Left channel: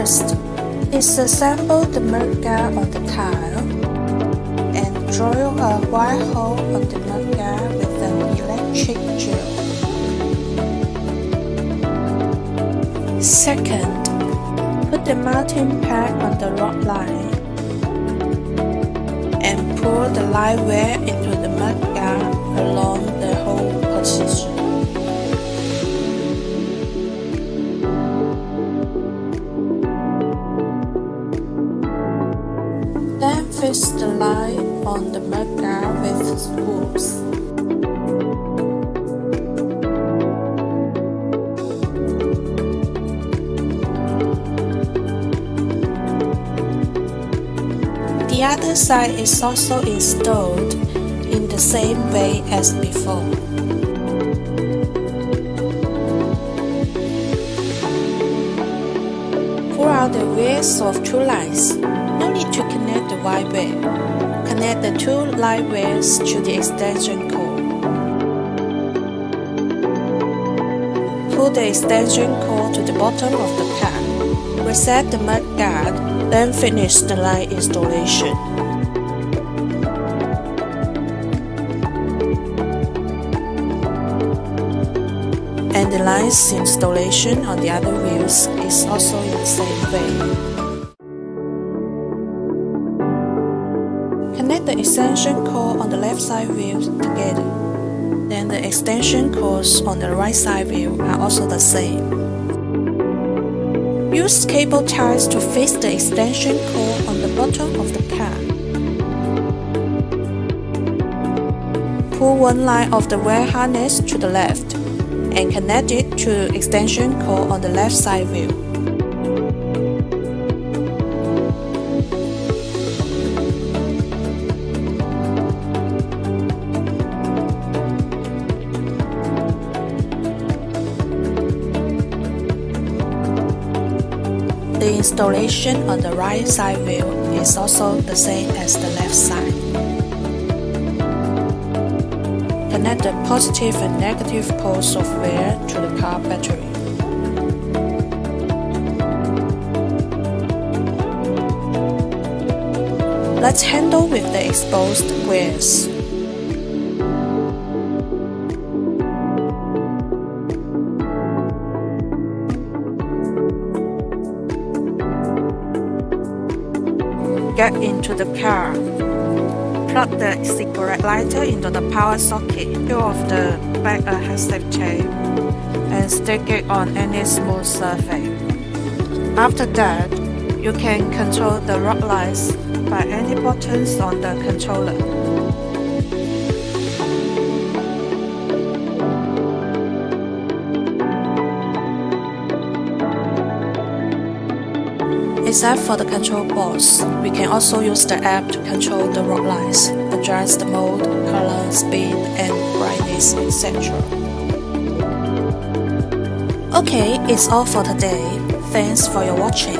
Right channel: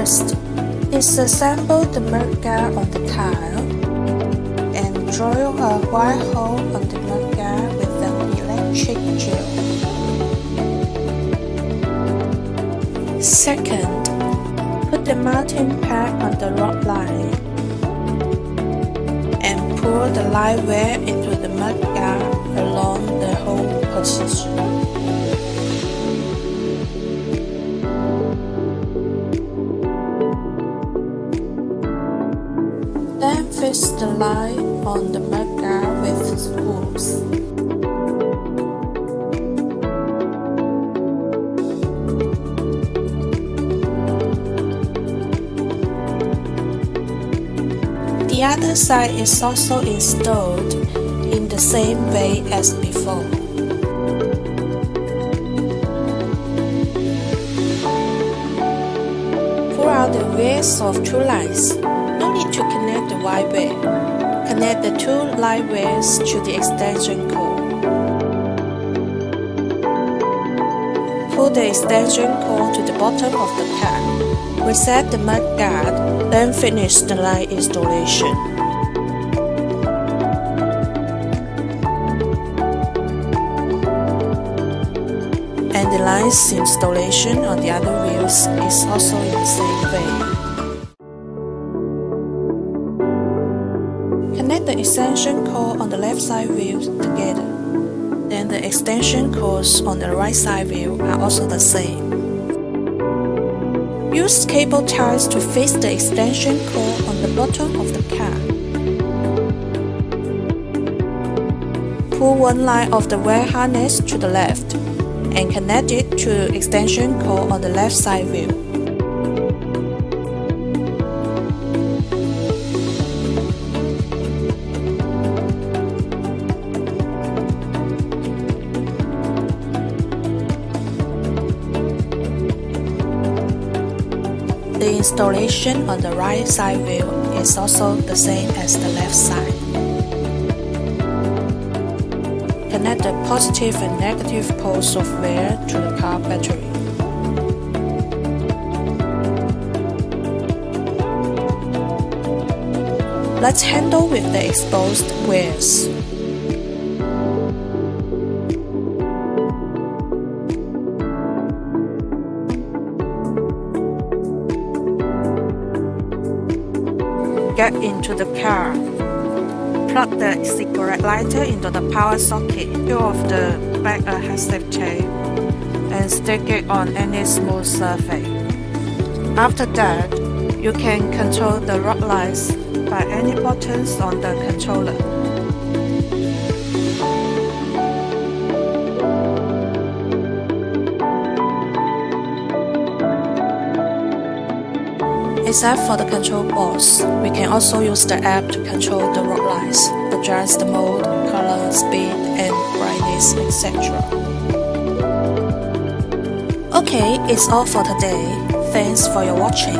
First, disassemble the mudguard on the tile and drill a wire hole on the mudguard with an electric drill. Second, put the mounting pad on the rod line and pull the live wire into the mudguard along the hole position. Then fix the line on the mudguard with screws. The other side is also installed in the same way as before. Pull out the wires of two lines. No need to connect the wide wire. Connect the two live wires to the extension cord. Pull the extension cord to the bottom of the car. Reset the mudguard, then finish the line installation. And the lines installation on the other wheels is also in the same way. Connect the extension cord on the left side wheel together. Then the extension cords on the right side wheel are also the same. Use cable ties to fix the extension cord on the bottom of the car. Pull one line of the wire harness to the left and connect it to extension cord on the left side wheel. The installation on the right side wheel is also the same as the left side. Connect the positive and negative poles of wire to the car battery. Let's handle with the exposed wires. Get into the car. Plug the cigarette lighter into the power socket. Peel off the back adhesive tape and stick it on any smooth surface. After that, you can control the rod lines by any buttons on the controller. Except for the control boards, we can also use the app to control the rod lines, adjust the mode, color, speed, and brightness, etc. Okay, it's all for today. Thanks for your watching.